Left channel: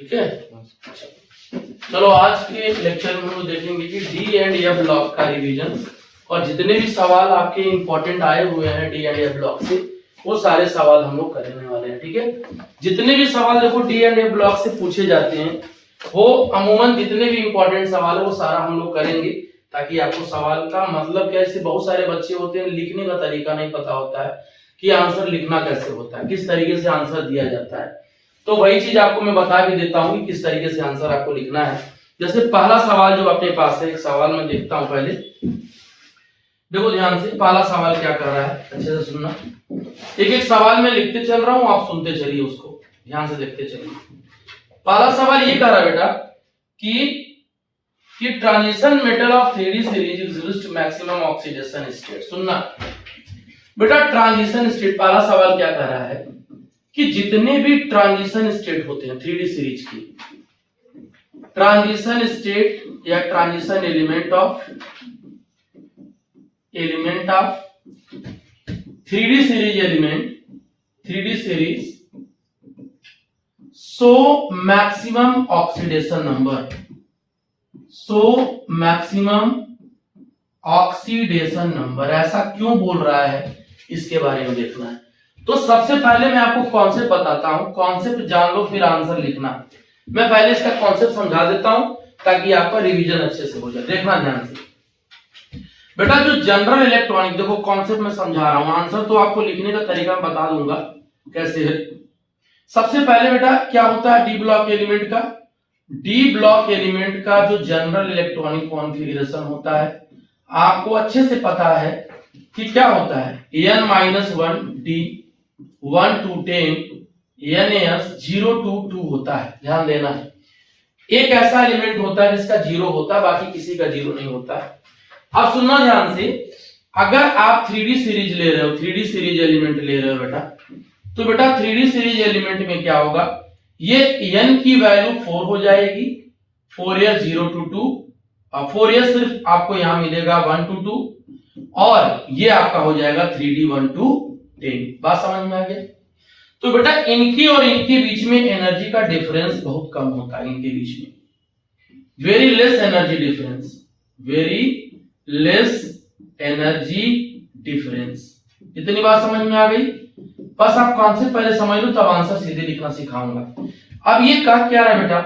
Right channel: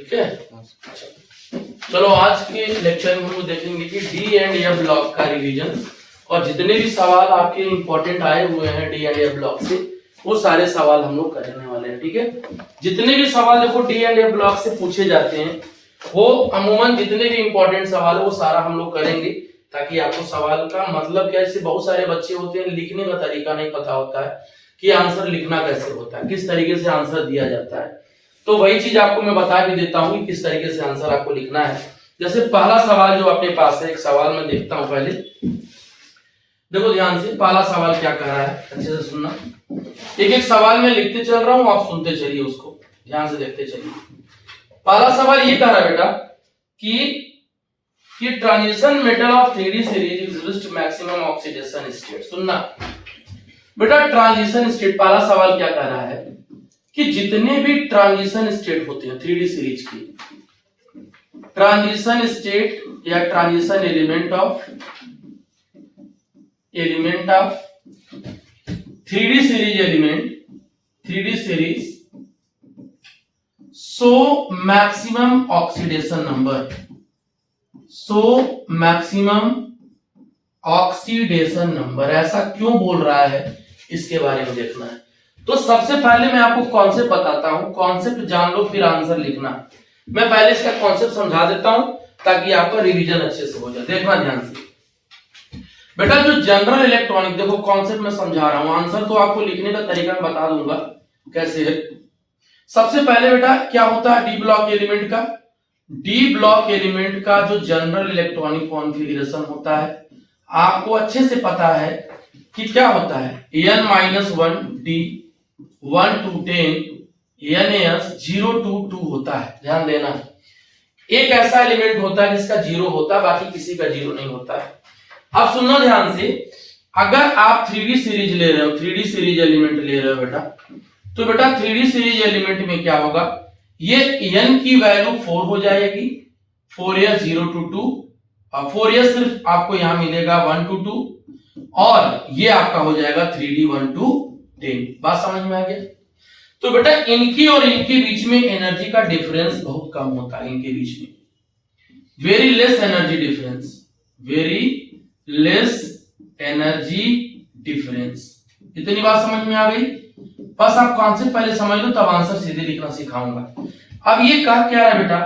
ठीक है। चलो आज के लेक्चर में हम लोग देखेंगे कि डी एंड एफ ब्लॉक का रिवीजन, और जितने भी सवाल आपके इंपॉर्टेंट आए हुए हैं डी एंड एफ ब्लॉक से वो सारे सवाल हम लोग करने वाले हैं। ठीक है, जितने भी सवाल देखो डी एंड एफ ब्लॉक से पूछे जाते हैं वो अमूमन जितने भी इंपॉर्टेंट सवाल है वो सारा हम लोग करेंगे, ताकि आपको सवाल का मतलब क्या, इससे बहुत सारे बच्चे होते हैं लिखने का तरीका नहीं पता होता है कि आंसर लिखना कैसे होता है, किस तरीके से आंसर दिया जाता है। तो वही चीज आपको मैं बता भी देता हूँ कि किस तरीके से आंसर आपको लिखना है। जैसे पहला सवाल जो अपने पास है, एक सवाल मैं देखता हूं पहले, देखो ध्यान से पहला सवाल क्या कह रहा है, अच्छे से सुनना। एक एक सवाल में लिखते चल रहा हूं, आप सुनते चलिए, उसको ध्यान से देखते चलिए। पहला सवाल ये कह रहा है बेटा कि transition metal of 3D series exist maximum oxidation state. सुनना बेटा, ट्रांजिशन स्टेट, पहला सवाल क्या कह रहा है कि जितने भी ट्रांजिशन स्टेट होते हैं 3D सीरीज की, ट्रांजिशन स्टेट या transition element of 3D series so maximum oxidation number, ऐसा क्यों बोल रहा है इसके बारे में देखना है। तो सबसे पहले मैं आपको कॉन्सेप्ट बताता हूं, कॉन्सेप्ट जान लो फिर आंसर लिखना। मैं पहले इसका कॉन्सेप्ट समझा देता हूं ताकि आपका रिवीजन अच्छे से हो जाए। देखना ध्यान से बेटा, जो जनरल इलेक्ट्रॉनिक, देखो कॉन्सेप्ट में समझा रहा हूं, आंसर तो आपको लिखने का तरीका मैं बता दूंगा कैसे है। सबसे पहले बेटा क्या होता है डी ब्लॉक एलिमेंट का जो जनरल इलेक्ट्रॉनिक कॉन्फ़िगरेशन होता है, आपको अच्छे से पता है कि क्या होता है, n-1 d 1 to 10 NaS 0 to 2 होता है। ध्यान देना, एक ऐसा एलिमेंट होता है जिसका 0 होता है, बाकी किसी का 0 नहीं होता है। अब सुनना ध्यान से, अगर आप 3D सीरीज ले रहे हो, 3D सीरीज एलिमेंट ले रहे हो बेटा, तो बेटा 3D सीरीज एलिमेंट में क्या होगा, ये n की वैल्यू 4 हो जाएगी, 4s 0 to 2, और 4s सिर्फ आपको यहां मिलेगा 1 to 2, और ये आपका हो जाएगा 3D 1 to 10। बात समझ में आ गया। तो बेटा इनकी और इनके बीच में एनर्जी का डिफरेंस बहुत कम होता है, इनके बीच में वेरी लेस एनर्जी डिफरेंस। इतनी बात समझ में आ गई। बस आप कॉन्सेप्ट पहले समझ लो, तब आंसर सीधे लिखना सिखाऊंगा। अब ये कहा क्या रहा बेटा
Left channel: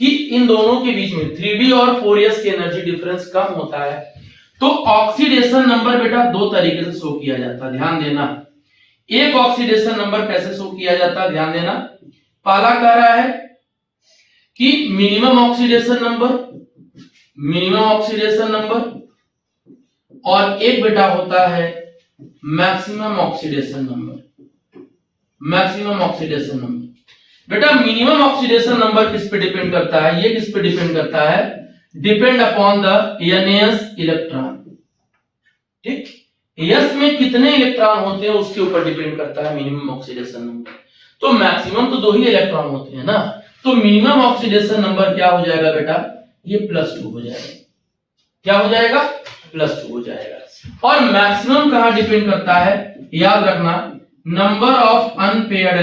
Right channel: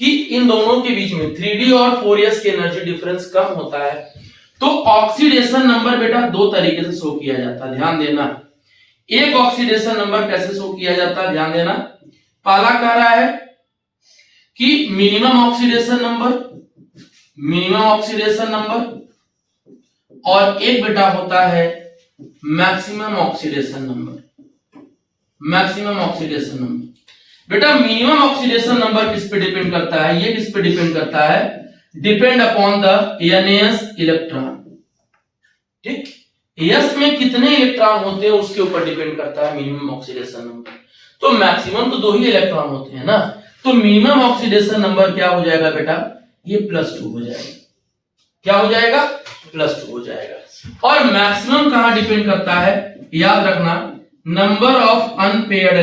कि इन दोनों के बीच में 3D और 4s की एनर्जी डिफरेंस कम होता है, तो ऑक्सीडेशन नंबर बेटा दो तरीके से शो किया जाता है। ध्यान देना, एक ऑक्सीडेशन नंबर कैसे शो किया जाता है, ध्यान देना। पहला कह रहा है कि मिनिमम ऑक्सीडेशन नंबर, और एक बेटा होता है मैक्सिमम ऑक्सीडेशन नंबर। बेटा मिनिमम ऑक्सीडेशन नंबर किस पे डिपेंड करता है, ये किस पे डिपेंड करता है, depend upon the NaS electron. ठीक, S में कितने इलेक्ट्रॉन होते हैं उसके ऊपर डिपेंड करता है मिनिमम ऑक्सीडेशन नंबर। तो मैक्सिमम तो 2 ही इलेक्ट्रॉन होते हैं ना, तो मिनिमम ऑक्सीडेशन नंबर क्या हो जाएगा बेटा, ये +2 हो जाएगा। क्या हो जाएगा, +2 हो जाएगा। और मैक्सिमम कहां डिपेंड करता है, याद रखना, number of unpaired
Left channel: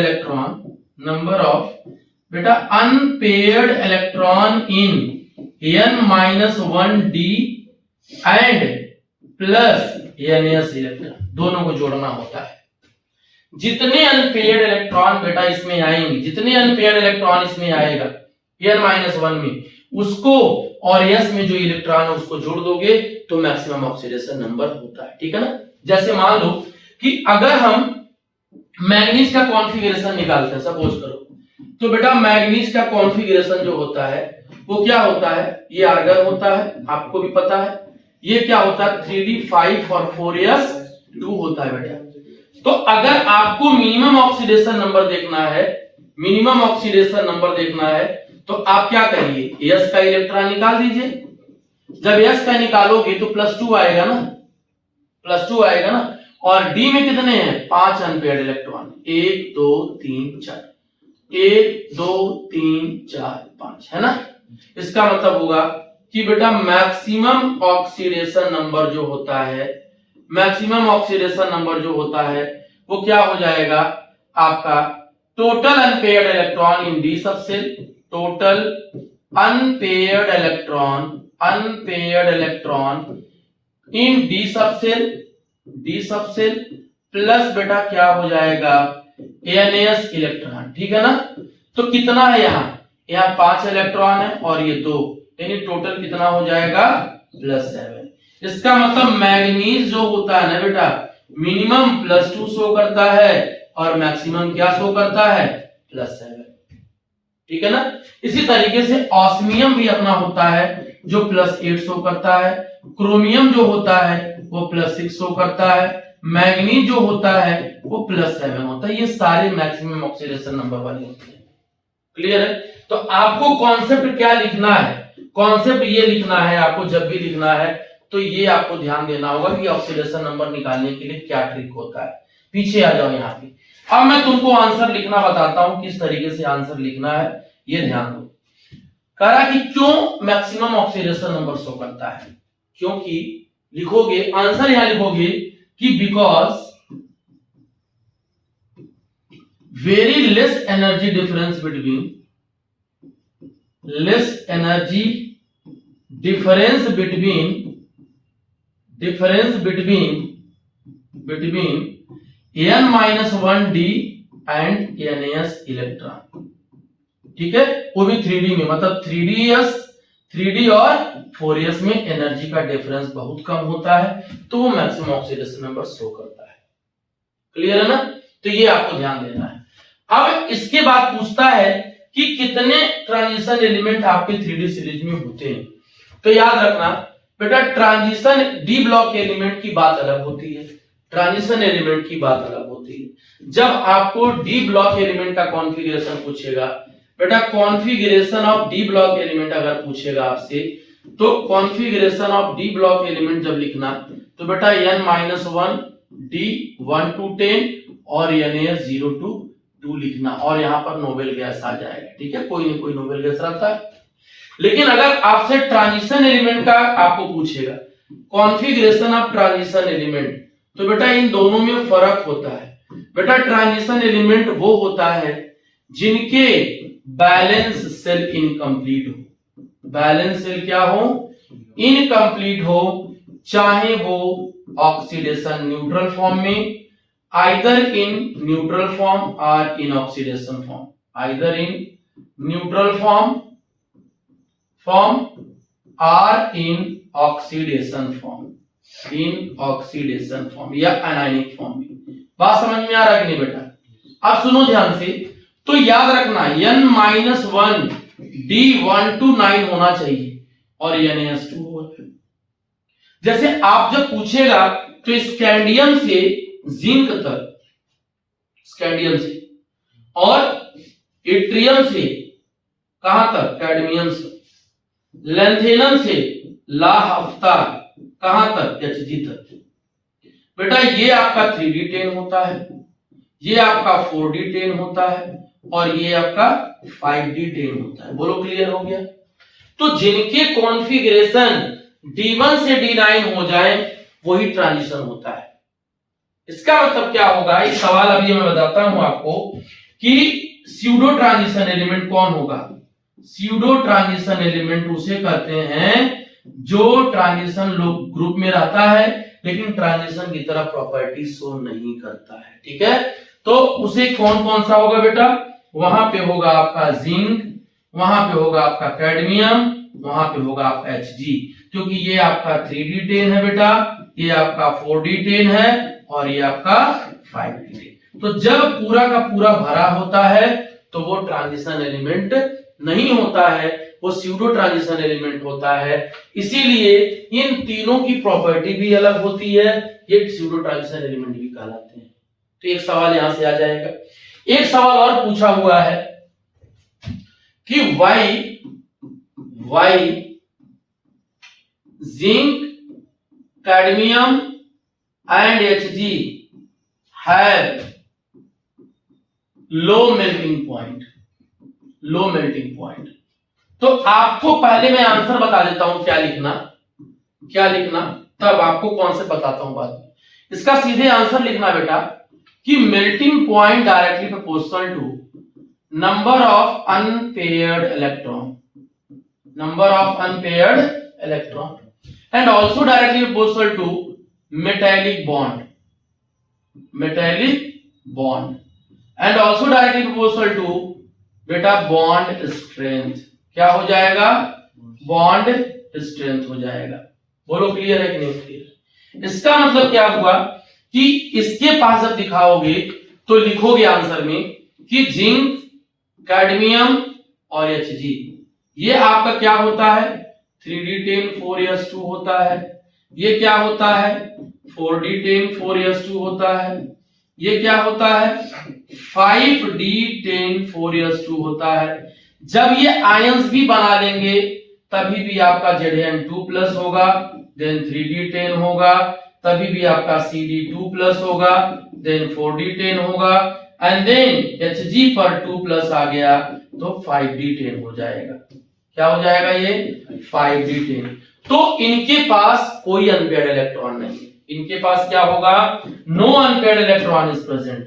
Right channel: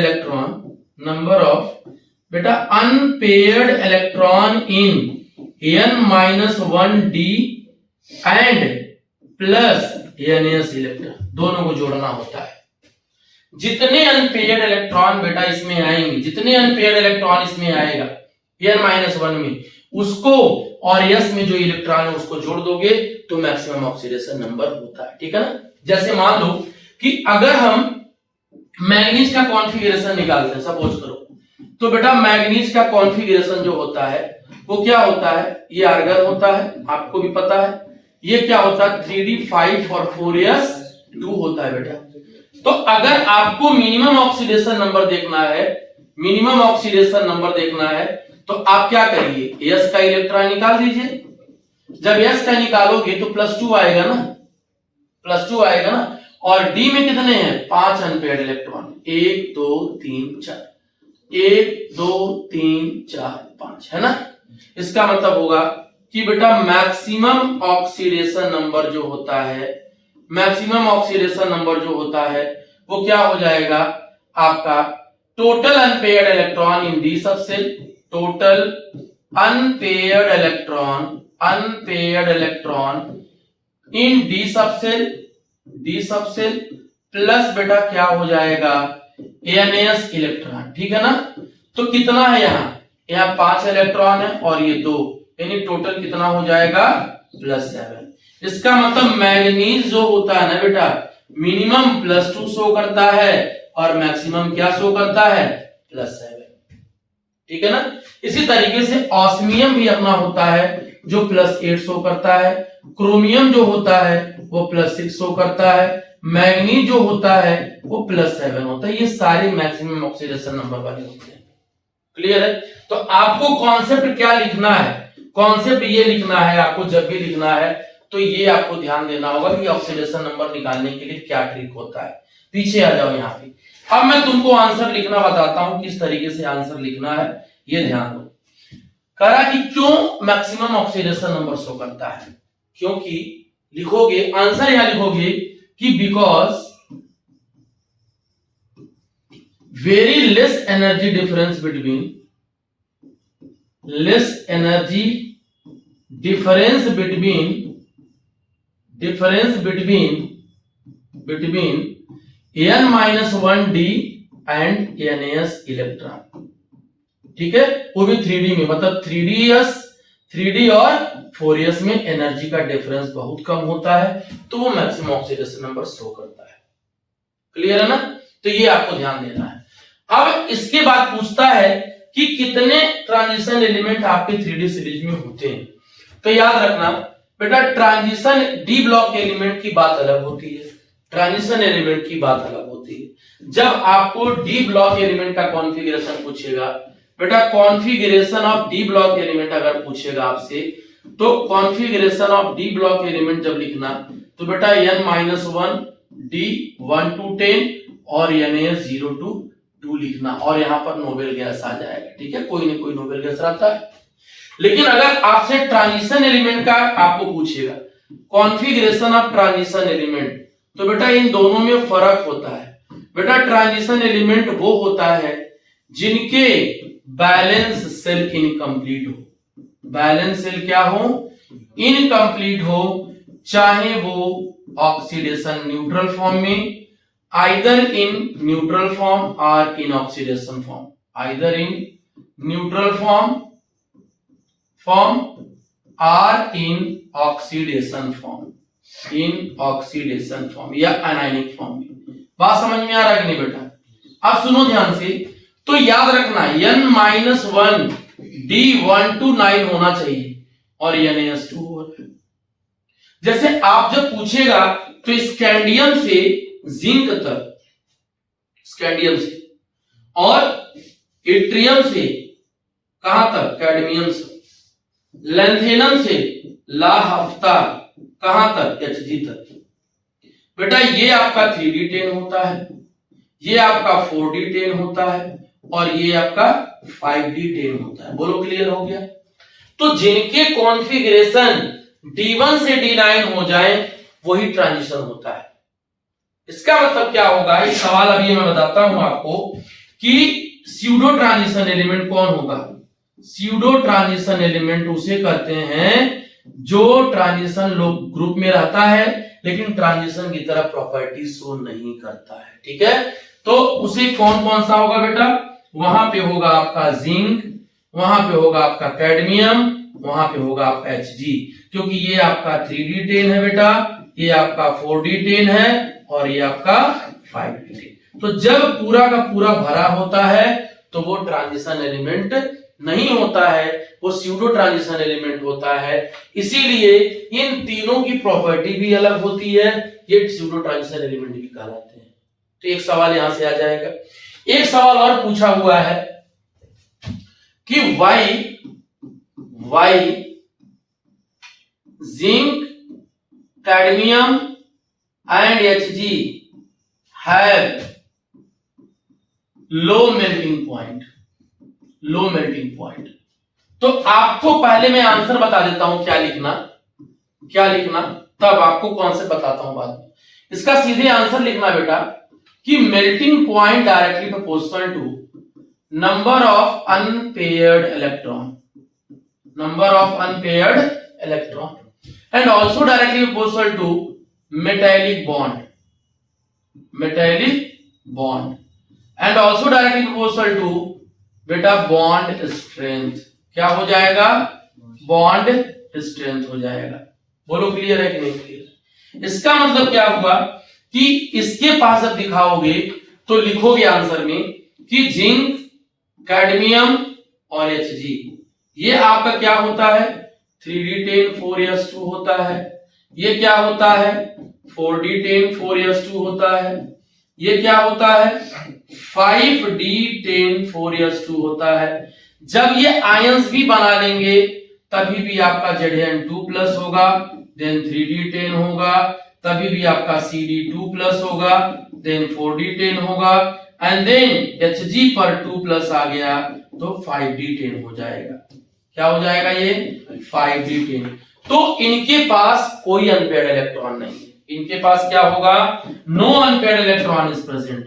electron in n-1 d and plus NaS electron, दोनों को जोड़ना होता है। जितने अनपेयर्ड इलेक्ट्रॉन बेटा इसमें आएंगे, जितने अनपेयर्ड इलेक्ट्रॉन इसमें आएगा n-1 में, उसको और s में जो इलेक्ट्रॉन है उसको जोड़ दोगे तो मैक्सिमम ऑक्सीडेशन नंबर होता है। ठीक है ना। जैसे मान लो कि अगर हम मैग्नीज का कॉन्फ़िगरेशन निकालते हैं, सपोज करो, तो बेटा मैग्नीज का कॉन्फ़िगरेशन जो होता है वो क्या होता है, ये आर्गन होता है, आपको भी पता है। ये क्या होता है 3D 5 और 4s 2 होता है बेटा। तो अगर आपको मिनिमम ऑक्सीडेशन नंबर देखना है तो आप क्या करिए, s का इलेक्ट्रॉन निकाल दीजिए। जब s का निकालोगे तो +2 आएगा ना, और d में कितने हैं, 5 अनपेयर्ड इलेक्ट्रॉन, 1 2 3 4, 1 2 3 4 5, है ना। इसका मतलब होगा कि बेटा मैक्सिमम ऑक्सीडेशन नंबर जो होता है वो क्या हो जाएगा आपका, total unpaired electron in D subshell total unpaired electron in D subshell plus बेटा क्या हो जाएगा एनएस इलेक्ट्रॉन, ठीक है ना। तो कितना है यहाँ 5 इलेक्ट्रॉन है और ये 2, यानी टोटल कितना हो जाएगा +7। इसका मतलब मैग्नीज जो होता है ना बेटा मिनिमम +2 शो करता है और मैक्सिमम क्या शो करता है +7, ठीक है ना। इसी तरीके से ऑस्मियम भी अपना होता है जो +8 शो करता है, क्रोमियम जो होता है वो +6 शो करता है, मैग्नीज जो होता है वो +7 होता है। ये सारे मैक्सिमम ऑक्सीडेशन नंबर वाले होते हैं। क्लियर है। तो आपको कॉन्सेप्ट क्या लिखना है, कॉन्सेप्ट ये लिखना है आपको, जब भी लिखना है तो ये आपको ध्यान देना होगा कि ऑक्सीडेशन नंबर निकालने के लिए क्या ट्रिक होता है। पीछे आ जाओ यहाँ पे। अब मैं तुमको आंसर लिखना बताता हूं, किस तरीके से आंसर लिखना है ये ध्यान दो। कहा कि क्यों मैक्सिमम ऑक्सीडेशन नंबर शो करता है, क्योंकि लिखोगे आंसर यहां लिखोगे कि because very less energy difference between n-1d and NaS electron, ठीक है, वो भी 3D में, मतलब 3D और 4s में एनर्जी का डिफरेंस बहुत कम होता है, तो वो मैक्सिमम ऑक्सीडेशन नंबर शो करता है। क्लियर है ना। तो ये आपको ध्यान देना है। अब इसके बाद पूछता है कि कितने ट्रांजिशन एलिमेंट आपके 3D सीरीज में होते हैं। तो याद रखना बेटा ट्रांजिशन डी ब्लॉक एलिमेंट की बात अलग होती है, ट्रांजिशन एलिमेंट की बात अलग होती है। जब आपको डी ब्लॉक एलिमेंट का कॉन्फ़िगरेशन पूछेगा बेटा, configuration of D block element अगर पूछेगा आपसे, तो configuration of D block element जब लिखना तो बेटा n-1 d 1 to 10 और NaS 0 to 2 लिखना, और यहां पर नोबेल गैस आ जाएगा, ठीक है, कोई ना कोई नोबेल गैस रहता है। लेकिन अगर आपसे ट्रांजिशन एलिमेंट का आपको पूछेगा कॉन्फ़िगरेशन ऑफ ट्रांजिशन एलिमेंट, तो बेटा इन दोनों में फर्क होता है। बेटा ट्रांजिशन एलिमेंट वो होता है जिनके बैलेंस सेल इनकम्प्लीट हो, बैलेंस सेल क्या हो इनकम्प्लीट हो, चाहे वो ऑक्सीडेशन न्यूट्रल फॉर्म में, आइदर इन न्यूट्रल फॉर्म और in oxidation form, either in neutral form और इन ऑक्सीडेशन फॉर्म या अनायनिक फॉर्म में। बात समझ में आ रहा है कि नहीं बेटा। अब सुनो ध्यान से, तो याद रखना n-1 d 1 to 9 होना चाहिए और NaS 2 होगा। जैसे आप जब पूछेगा तो स्कैंडियम से जिंक तक, स्कैंडियम से, और इट्रियम से कहां तक कैडमियम से, लैंथेनम से ला हफ्तार कहां तक Hg तक। बेटा ये आपका 3D10 होता है, ये आपका 4D10 होता है और ये आपका 5D10 होता है। बोलो क्लियर हो गया। तो जिनके कॉन्फ़िगरेशन D1 से D9 हो जाए वही ट्रांजिशन होता है। इसका मतलब क्या होगा, इस सवाल अभी मैं बताता हूं आपको कि स्यूडो ट्रांजिशन एलिमेंट कौन होगा। स्यूडो ट्रांजिशन एलिमेंट उसे कहते हैं जो ट्रांजिशन ग्रुप में रहता है लेकिन ट्रांजिशन की तरह प्रॉपर्टी शो नहीं करता है, ठीक है। तो उसे कौन कौन सा होगा बेटा, वहां पे होगा आपका जिंक, वहां पे होगा आपका कैडमियम, वहां पे होगा आपका Hg, क्योंकि ये आपका 3D10 है बेटा, ये आपका 4D10 है और ये आपका 5D10। तो जब पूरा का पूरा भरा होता है तो वो ट्रांजिशन एलिमेंट नहीं होता है, वो स्यूडो ट्रांजिशन एलिमेंट होता है। इसीलिए इन तीनों की प्रॉपर्टी भी अलग होती है, ये स्यूडो ट्रांजिशन एलिमेंट भी कहलाते हैं। तो एक सवाल यहां से आ जाएगा। एक सवाल और पूछा हुआ है कि why zinc, cadmium and Hg have low melting point. तो आपको पहले मैं आंसर बता देता हूं क्या लिखना, तब आपको कॉन्सेप्ट बताता हूं बाद में। इसका सीधे आंसर लिखना बेटा कि melting point directly proportional to number of unpaired electron, number of unpaired electron, and also directly proportional to metallic bond, metallic bond, and also directly proportional to बेटा bond strength. क्या हो जाएगा? बॉन्ड स्ट्रेंथ हो जाएगा. बोलो clear है कि नहीं क्लियर? इसका मतलब क्या हुआ कि इसके पास जब दिखाओगे तो लिखोगे आंसर में कि जिंक, कैडमियम और Hg ये आपका क्या होता है? 3d10 4s2 होता है. ये क्या होता है? 4d10 4s2 होता है. ये क्या होता है? 5d10 4s2 होता है. जब ये आयंस भी बना लेंगे तभी भी आपका Zn2 प्लस होगा, देन 3d10 होगा, तभी भी आपका Cd2 प्लस होगा, देन 4d10 होगा, एंड देन Hg पर 2 प्लस आ गया तो 5d10 हो जाएगा. क्या हो जाएगा? ये 5d10. तो इनके पास कोई अनपेयर्ड इलेक्ट्रॉन नहीं है. इनके पास क्या होगा? No unpaired electron is present.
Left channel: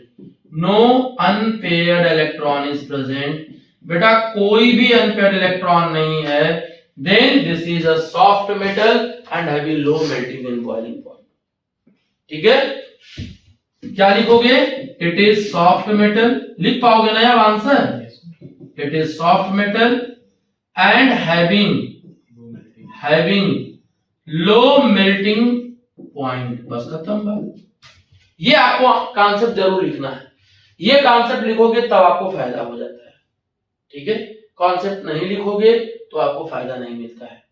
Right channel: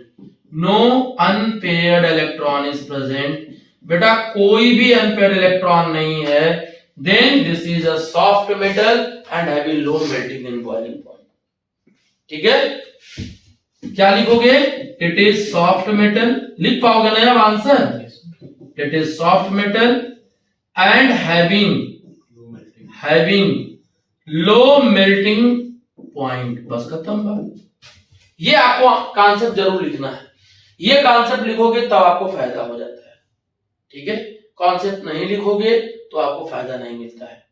No unpaired electron is present. बेटा कोई भी अनपेयर्ड इलेक्ट्रॉन नहीं है. Then this is a soft metal and having low melting and boiling point. ठीक है? क्या लिखोगे? It is soft metal. लिख पाओगे ना अब answer? It is soft metal and having low melting point. बस खत्म बात. ये आपको कॉन्सेप्ट जरूर लिखना है. ये कॉन्सेप्ट लिखोगे तब आपको फायदा हो जाता है. ठीक है? कॉन्सेप्ट नहीं लिखोगे तो आपको फायदा नहीं मिलता है.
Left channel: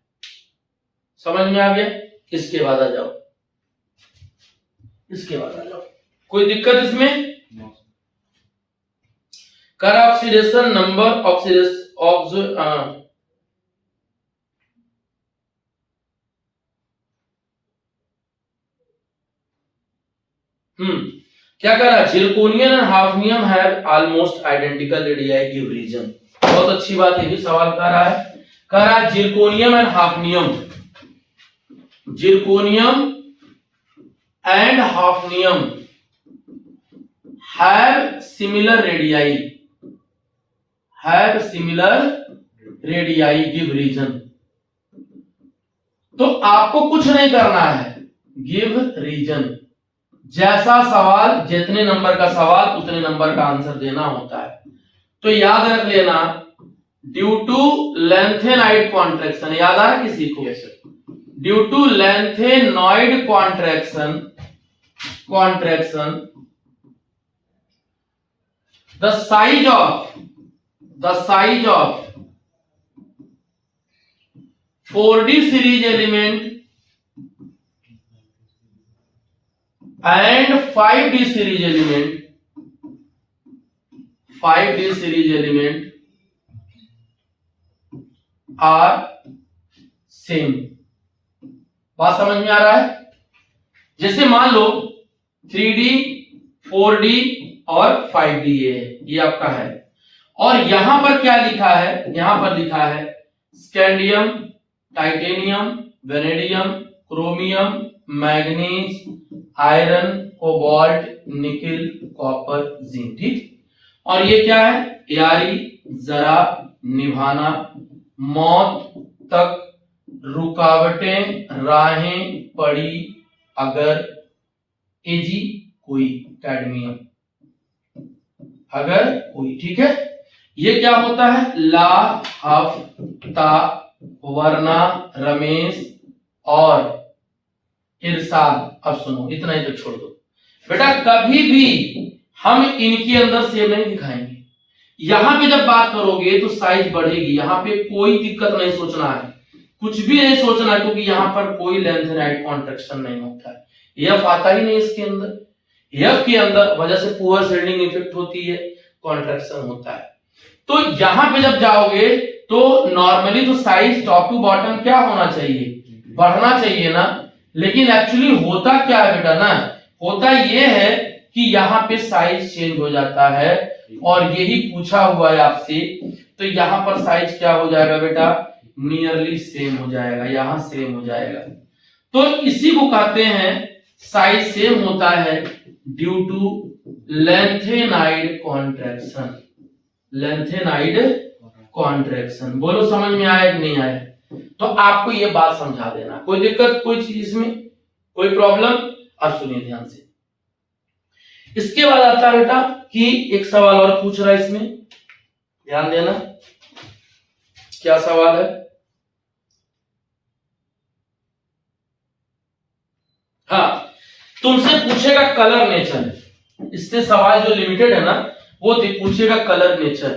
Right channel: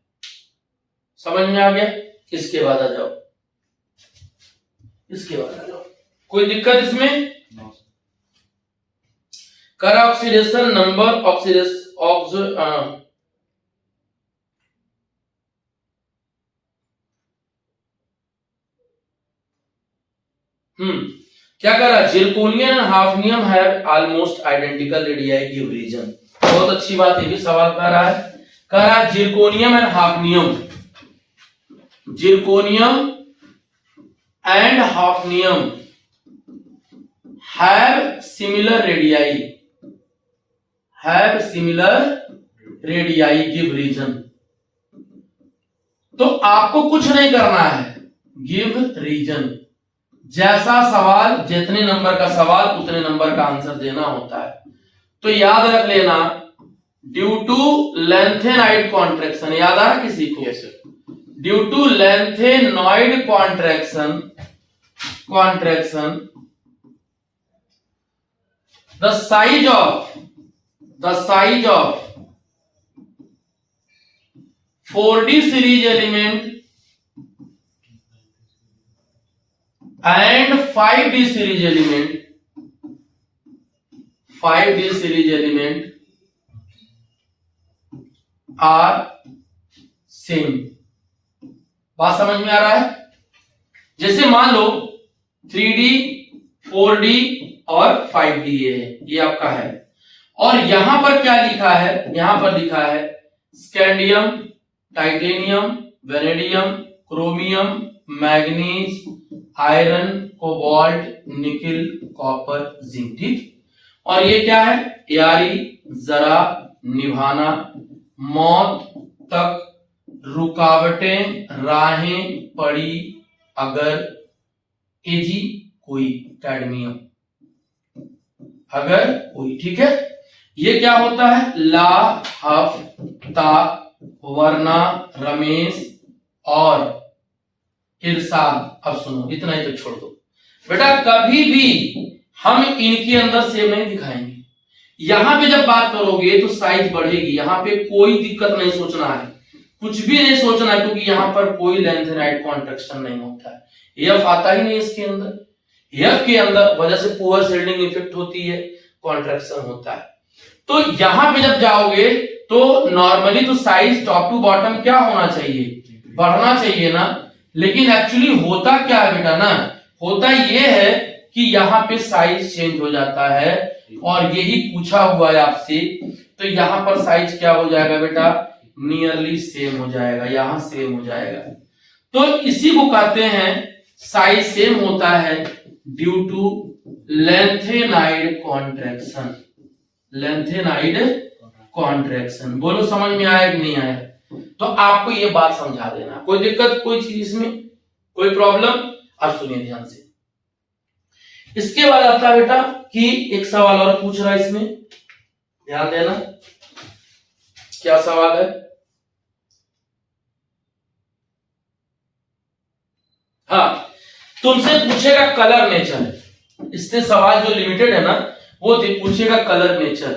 समझ में आ गया? इसके बाद आ जाओ, इसके बाद आ जाओ. कोई दिक्कत इसमें? कर ऑक्सीडेशन नंबर ऑक्सीडेशन क्या कह रहा है? Zirconium and hafnium have almost identical radii give reason. बहुत अच्छी बात है. ये सवाल कर रहा है. कह रहा है zirconium and hafnium, zirconium and hafnium have similar radii, have similar radii give reason. तो आपको कुछ नहीं करना है, गिव रीजन. जैसा सवाल, जितने नंबर का सवाल उतने नंबर का आंसर देना होता है. तो याद रख लेना, ड्यू टू लेंथेनॉइड कॉन्ट्रैक्शन. याद आ रहा किसी को? Due to lanthanoid contraction the size of 4d series element and 5d series element are same. बात समझ में आ रहा है? जैसे मान लो 3d 4d और 5d ये आपका है, और यहां पर क्या लिखा है? यहां पर लिखा है scandium, titanium, vanadium, chromium, manganese, iron, cobalt, nickel, copper, zinc. ठीक. और ये क्या है? यारी, जरा, निभाना, मौत तक, रुकावटें, राहें, पड़ी, अगर, एजी, कोई, कैडमियम, अगर कोई. ठीक है? ये क्या होता है? ला, हफ, ता, वरना, रमेश और इरशाद. अब सुनो, इतना ही तो छोड़ दो बेटा. कभी भी हम इनके अंदर सेम नहीं दिखाएंगे. यहां पे जब बात करोगे तो साइज बढ़ेगी. यहां पे कोई दिक्कत नहीं सोचना है, कुछ भी नहीं सोचना है, क्योंकि यहां पर कोई लेंथेनॉइड कॉन्ट्रैक्शन नहीं होता है. एफ आता ही नहीं इसके अंदर. एफ के अंदर वजह से पुअर शिल्डिंग इफेक्ट होती है, कॉन्ट्रैक्शन होता है. तो यहां पे जब जाओगे तो नॉर्मली तो साइज टॉप टू बॉटम क्या होना चाहिए? बढ़ना चाहिए ना. लेकिन एक्चुअली होता क्या है बेटा ना? होता ये है कि यहाँ पे साइज चेंज हो जाता है, और यही पूछा हुआ है आपसे. तो यहाँ पर साइज क्या हो जाएगा बेटा? नियरली सेम हो जाएगा. यहां सेम हो जाएगा. तो इसी को कहते हैं साइज सेम होता है due to lanthanide contraction. Lanthanide contraction. बोलो समझ में आया कि नहीं आया? तो आपको ये बात समझा देना, कोई दिक्कत कोई चीज इसमें, कोई प्रॉब्लम? अब सुनिए ध्यान से। इसके बाद आता है बेटा कि एक सवाल और पूछ रहा है इसमें, ध्यान देना। क्या सवाल है? हाँ, तुमसे पूछेगा कलर नेचर। इससे सवाल जो लिमिटेड है ना, वो पूछेगा कलर नेचर।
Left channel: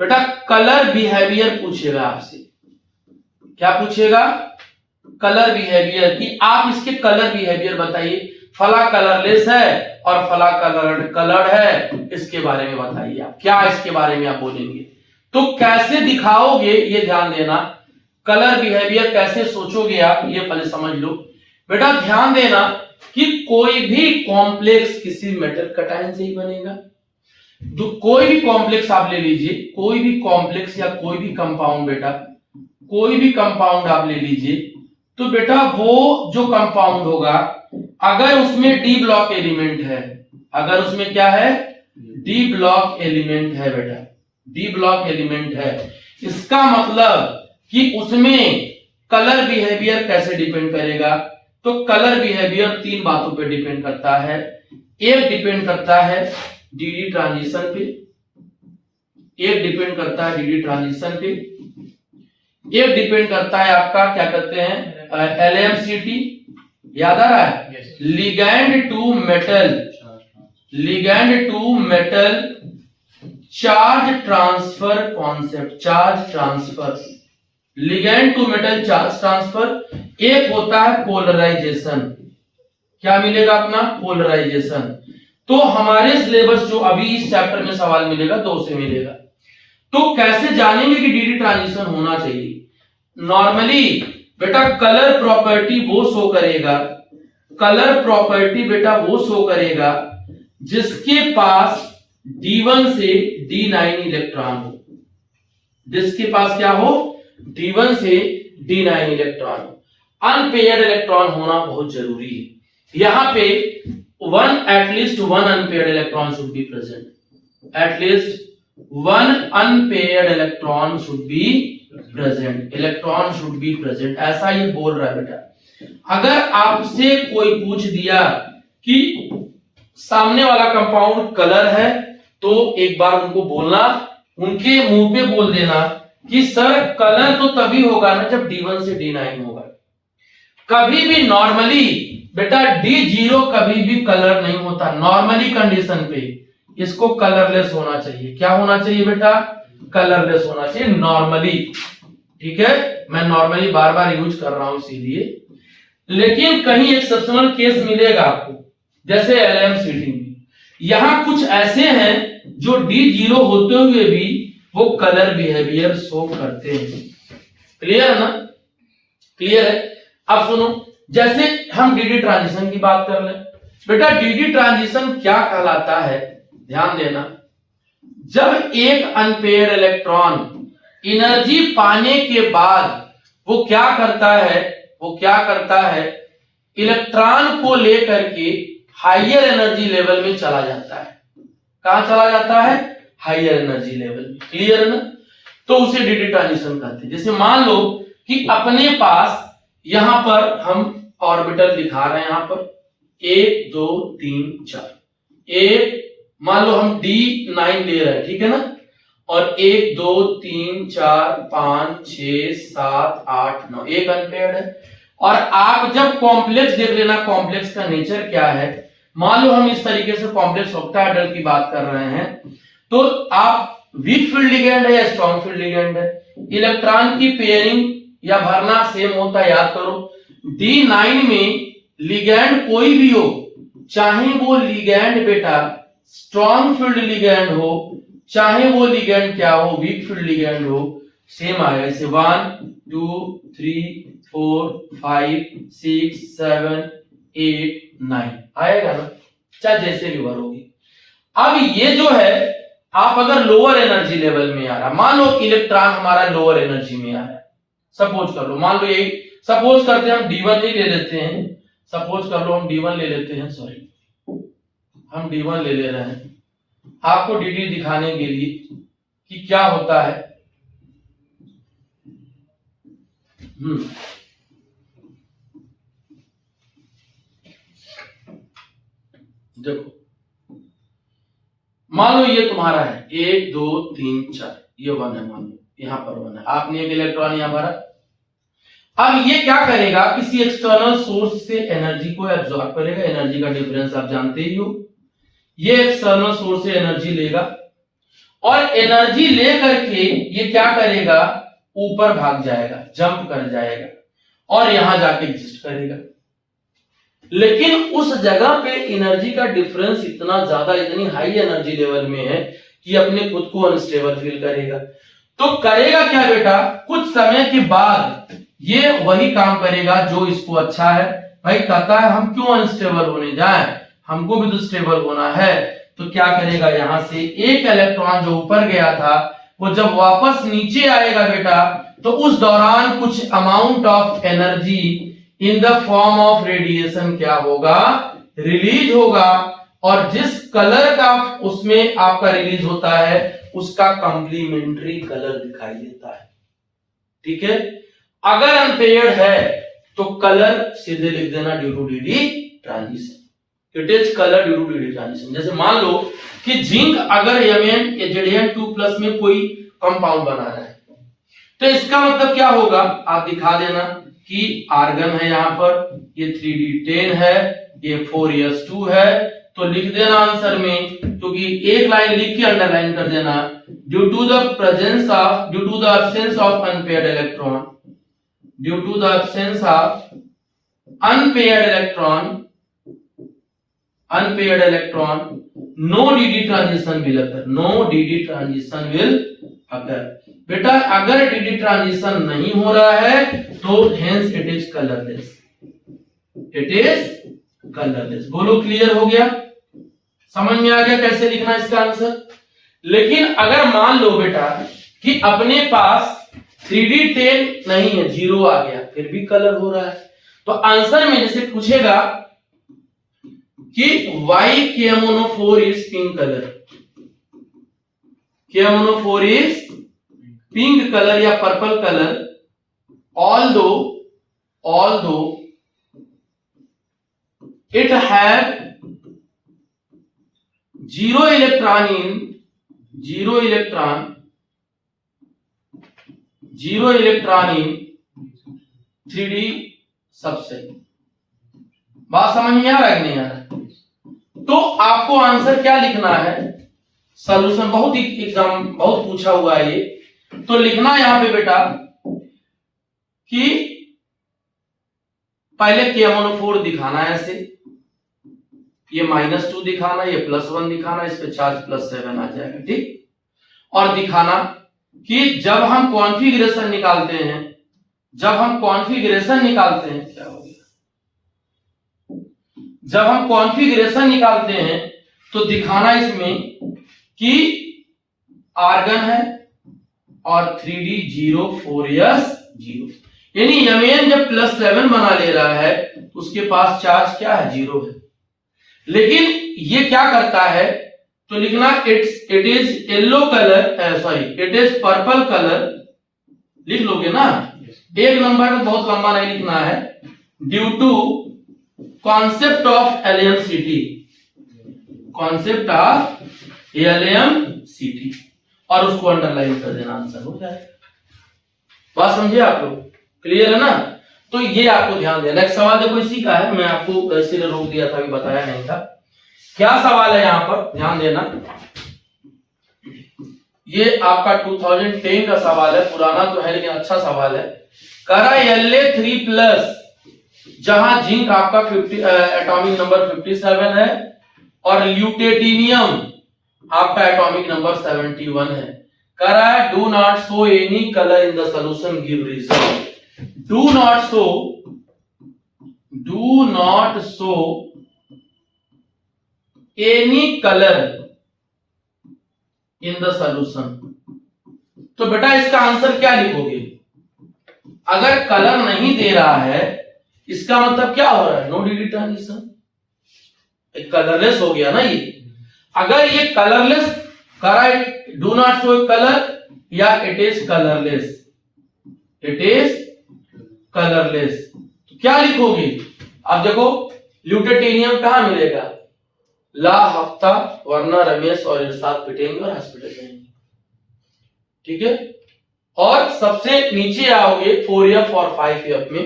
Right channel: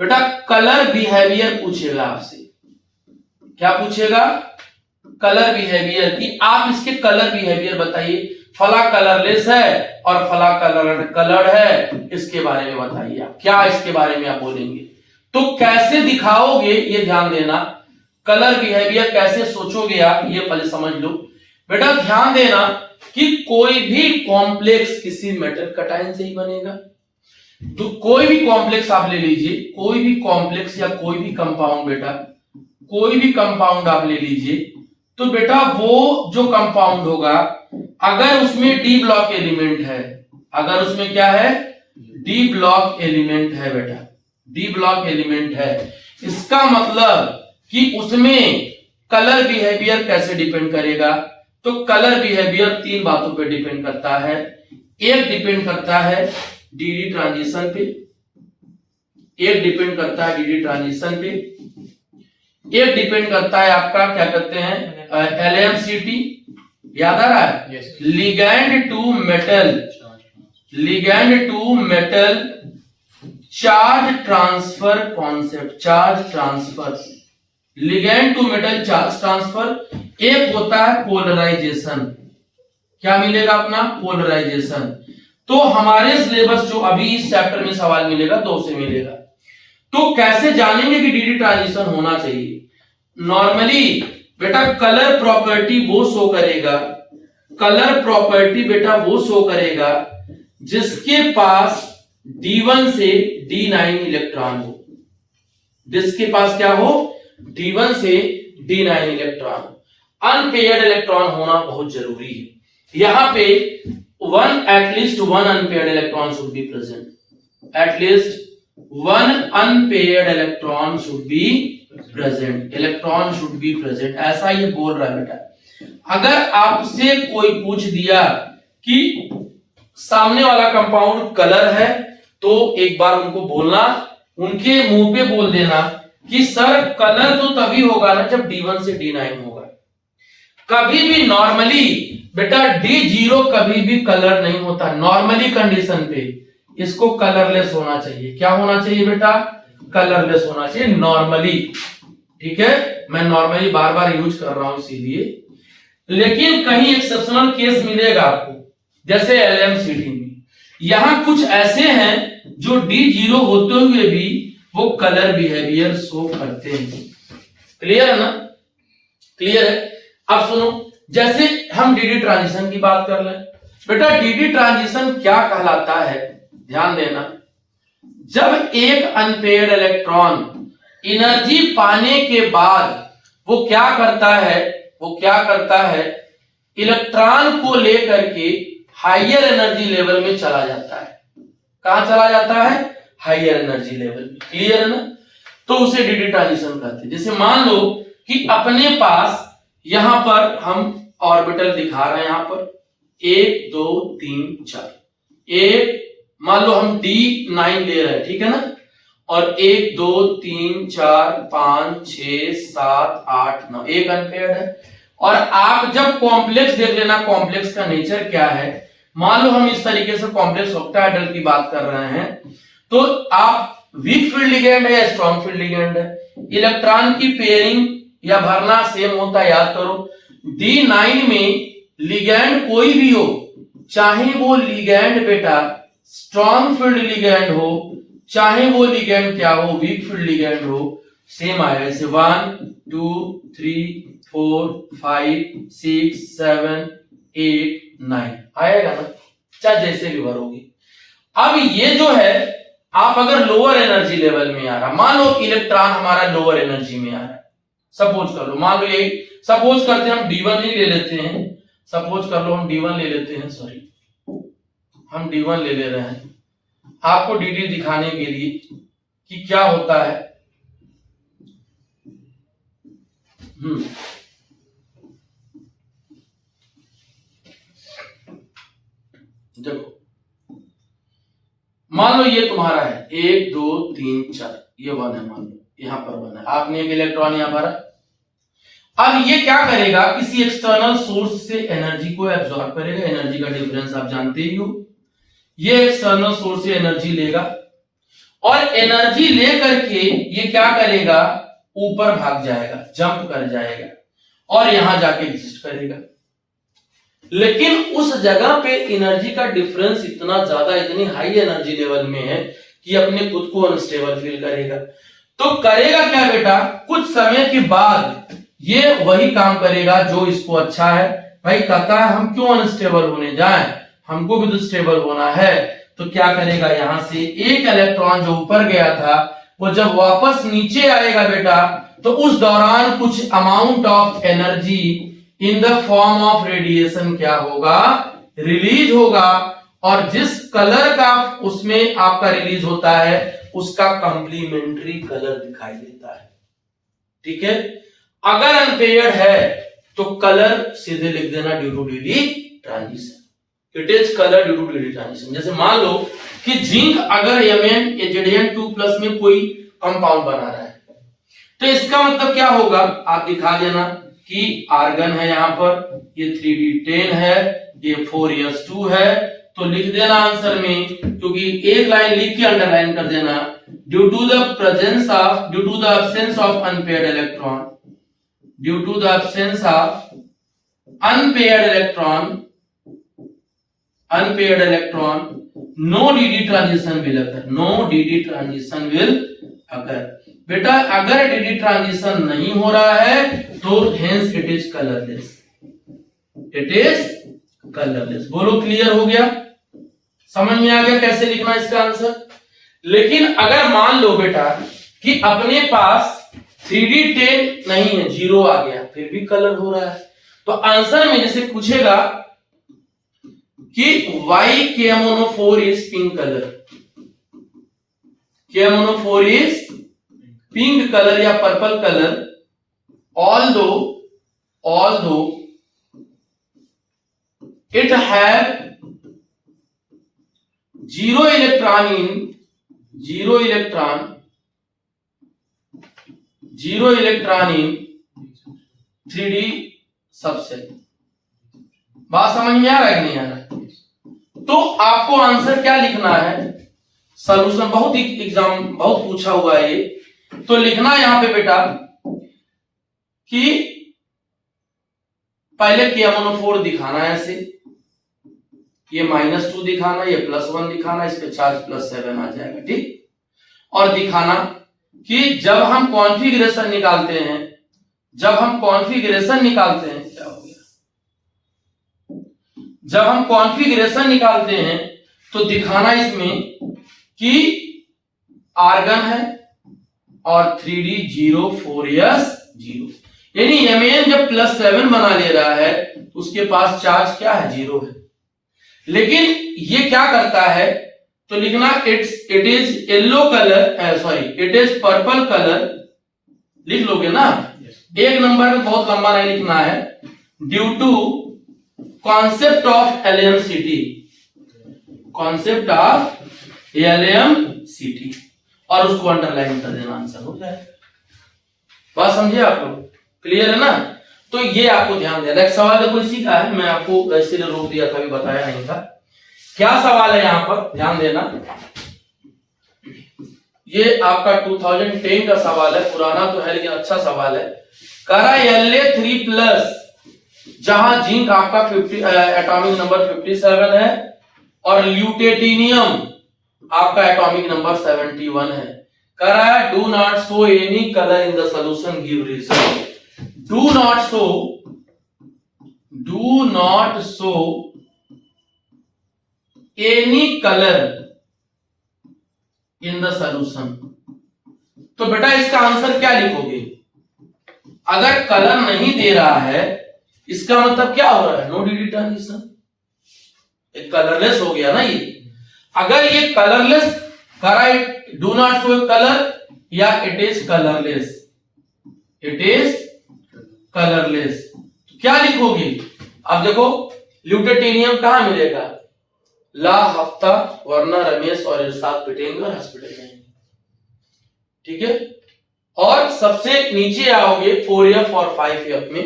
बेटा कलर बिहेवियर पूछेगा आपसे। क्या पूछेगा? कलर बिहेवियर की आप इसके कलर बिहेवियर बताइए। फला कलरलेस है और फला कलर्ड है, इसके बारे में बताइए। आप क्या इसके बारे में आप बोलेंगे? तो कैसे दिखाओगे ये ध्यान देना। कलर बिहेवियर कैसे सोचोगे आप, ये पहले समझ लो। बेटा ध्यान देना कि कोई भी कॉम्प्लेक्स किसी मेटल कटायन से ही बनेगा। तो कोई भी कॉम्प्लेक्स आप ले लीजिए, कोई भी कॉम्प्लेक्स या कोई भी कंपाउंड, बेटा कोई भी कंपाउंड आप ले लीजिए, तो बेटा वो जो कंपाउंड होगा, अगर उसमें डी ब्लॉक एलिमेंट है, अगर उसमें क्या है, डी ब्लॉक एलिमेंट है, बेटा डी ब्लॉक एलिमेंट है, इसका मतलब कि उसमें कलर बिहेवियर कैसे डिपेंड करेगा? तो कलर बिहेवियर तीन बातों पे डिपेंड करता है। एक डिपेंड करता है डीडी ट्रांजिशन पे, एक डिपेंड करता है डीडी ट्रांजिशन पे, एक डिपेंड करता है आपका क्या कहते हैं एलएमसीटी, याद आ रहा है? Ligand to metal, ligand to metal charge transfer concept, charge transfer, ligand to metal charge transfer. एक होता है पोलराइजेशन। क्या मिलेगा अपना? पोलराइजेशन। तो हमारे सिलेबस जो अभी इस चैप्टर में सवाल मिलेगा, दो से मिलेगा। तो कैसे जानेंगे कि डीडी ट्रांजिशन होना चाहिए? नॉर्मली बेटा कलर प्रॉपर्टी वो शो करेगा, कलर प्रॉपर्टी बेटा वो शो करेगा जिसके पास D1 से D9 इलेक्ट्रॉन हो, जिसके पास क्या हो, D1 से D9 इलेक्ट्रॉन। अनपेयर्ड इलेक्ट्रॉन होना बहुत जरूरी है। यहां पे at least one unpaired electron should be present, at least one unpaired electron should be present, electron should be present, ऐसा ये बोल रहा है बेटा। अगर आपसे कोई पूछ दिया कि सामने वाला कंपाउंड कलर है, तो एक बार उनको बोलना, उनके मुंह पे बोल देना कि सर कलर तो तभी होगा ना जब D1 से D9 होगा। कभी भी नॉर्मली बेटा D0 कभी भी कलर नहीं होता। नॉर्मली कंडीशन पे इसको कलरलेस होना चाहिए। क्या होना चाहिए बेटा? कलरलेस होना चाहिए नॉर्मली। ठीक है, मैं नॉर्मली बार बार यूज कर रहा हूं इसीलिए। लेकिन कहीं एक्सेप्शनल केस मिलेगा आपको, जैसे एलएमसीटी में। यहां कुछ ऐसे हैं जो D0 होते हुए भी वो कलर बिहेवियर शो करते हैं। क्लियर है ना? क्लियर है? अब सुनो, जैसे हम डीडी ट्रांजिशन की बात कर लें। बेटा डीडी ट्रांजिशन क्या कहलाता है, ध्यान देना। जब एक अनपेयर्ड इलेक्ट्रॉन एनर्जी पाने के बाद वो क्या करता है, वो क्या करता है, इलेक्ट्रॉन को लेकर के हायर एनर्जी लेवल में चला जाता है। कहां चला जाता है? हायर एनर्जी लेवल में। क्लियर है ना? तो उसे डीडी ट्रांजिशन कहते हैं। जैसे मान लो कि अपने पास यहां पर हम ऑर्बिटल दिखा रहे हैं, यहां पर 1 2 3 4, एक मान लो हम D9 ले रहे हैं, ठीक है ना? और 1 2 3 4 5 6 7 8 9, एक अनपेयर्ड है। और आप जब कॉम्प्लेक्स देख लेना, कॉम्प्लेक्स का नेचर क्या है। मान लो हम इस तरीके से कॉम्प्लेक्स ऑक्टाहेड्रल की बात कर रहे हैं, तो आप वीक फील्ड लिगेंड है या स्ट्रॉन्ग फील्ड लिगेंड है, इलेक्ट्रॉन की पेयरिंग या भरना सेम होता है, याद करो। D9 में लिगेंड कोई भी हो, चाहे वो लिगेंड बेटा स्ट्रॉन्ग फील्ड लिगेंड हो, चाहे वो लिगेंड क्या हो, वीक फील्ड लिगेंड हो, सेम आएगा। जैसे 1 2 3 4 5 6 7 8 9 आएगा ना, चाहे जैसे भी भरोगे। अब ये जो है, आप अगर लोअर एनर्जी लेवल में आ रहा, मान लो इलेक्ट्रॉन हमारा लोअर एनर्जी में आ रहा है, सपोज कर लो, मान लो यही सपोज करते हैं हम D1 ही ले लेते हैं, सपोज कर लो हम D1 ले लेते हैं, सॉरी हम D1 ले ले रहे हैं। आपको डी दिखाने के लिए कि क्या होता है। देखो मान लो ये तुम्हारा है 1 2 3 4, ये 1 है, मान लो यहां पर 1 है, आपने एक इलेक्ट्रॉन यहां भरा। अब ये क्या करेगा, किसी एक्सटर्नल सोर्स से एनर्जी को एब्जॉर्ब करेगा। एनर्जी का डिफरेंस आप जानते ही हो। ये एक्सटर्नल सोर्स से एनर्जी लेगा और एनर्जी लेकर के ये क्या करेगा, ऊपर भाग जाएगा, जंप कर जाएगा और यहां जाके एग्जिस्ट करेगा। लेकिन उस जगह पे एनर्जी का डिफरेंस इतना ज्यादा, इतनी हाई एनर्जी लेवल में है कि अपने खुद को अनस्टेबल फील करेगा। तो करेगा क्या बेटा, कुछ समय के बाद ये वही काम करेगा जो इसको अच्छा है। भाई कहता है हम क्यों अनस्टेबल होने जाएं, हमको भी तो स्टेबल होना है। तो क्या करेगा, यहां से एक इलेक्ट्रॉन जो ऊपर गया था वो जब वापस नीचे आएगा बेटा, तो उस दौरान कुछ amount of energy in the form of radiation क्या होगा, रिलीज होगा। और जिस कलर का उसमें आपका रिलीज होता है उसका कंप्लीमेंट्री कलर दिखाई देता है। ठीक है, अगर अनपेयर्ड है तो कलर सीधे लिख देना due to d transition. It is colour due to d transition. जैसे मान लो कि जिंक अगर Zn2+ में कोई कंपाउंड बना रहा है तो इसका मतलब क्या होगा, आप दिखा देना कि आर्गन है, यहां पर ये 3D10 है, ये 4s2 है। तो लिख देना आंसर में, क्योंकि एक लाइन लिख के अंडरलाइन कर देना, due to the absence of unpaired electron, due to the absence of unpaired electron no dd transition will occur, no dd transition will occur। बेटा अगर dd ट्रांजिशन नहीं हो रहा है तो hence it is colorless, it is colorless। बोलो clear हो गया, समझ में आ गया कैसे लिखना इसका आंसर। लेकिन अगर मान लो बेटा कि अपने पास 3D10 नहीं है, 0 आ गया, फिर भी कलर हो रहा है, तो आंसर में जैसे पूछेगा कि why KMnO4 is pink color, KMnO4 is pink color या purple colour, although it have zero electron in 3D subshell. बात समझ में आ रहा है कि नहीं आ रहा है? तो आपको आंसर क्या लिखना है, सॉल्यूशन बहुत एग्जाम बहुत पूछा हुआ है ये, तो लिखना यहां पे बेटा कि पहले KMnO4 दिखाना है ऐसे, ये -2 दिखाना, ये +1 दिखाना, इस पे चार्ज +7 आ जाएगा। ठीक, और दिखाना कि जब हम कॉन्फ़िगरेशन निकालते हैं, क्या हो गया, जब हम कॉन्फ़िगरेशन निकालते हैं तो दिखाना इसमें कि आर्गन है और 3D 0 4s 0, यानी Mn जब +7 बना ले रहा है उसके पास चार्ज क्या है, 0 है। लेकिन ये क्या करता है, तो लिखना it is yellow colour, sorry it is purple colour, लिख लोगे ना। एक नंबर में बहुत लंबा नहीं लिखना है, due to concept of LMCT, और उसको अंडरलाइन कर देना, आंसर हो जाए। बात समझिए आप लोग, क्लियर है ना। तो ये आपको ध्यान देना। एक सवाल देखो इसी का है, मैं आपको ऐसे रोक दिया था, अभी बताया नहीं था। क्या सवाल है यहाँ पर, ध्यान देना। ये आपका 2010 का सवाल है, पुराना तो है लेकिन अच्छा सवाल है। करा La3+, जहां जिंक आपका 50 एटॉमिक नंबर 57 है और ल्यूटेटिनियम आपका एटॉमिक नंबर 71 है। करा do not show any colour in the solution, give reason. Do not show any colour in the solution. तो बेटा इसका आंसर क्या लिखोगे, अगर कलर नहीं दे रहा है इसका मतलब क्या हो रहा है, नो डी ट्रांजिशन, कलरलेस हो गया ना ये। अगर ये कलरलेस करा, डू नॉट शो कलर या it is colourless, it is colourless, तो क्या लिखोगे? अब देखो ल्यूटेटेनियम कहां मिलेगा? ला हफ्ता, वरना रमेश और इरशाद पिटेंगे और हॉस्पिटल जाएंगे, ठीक है। और सबसे नीचे आओगे 4f और 5f में,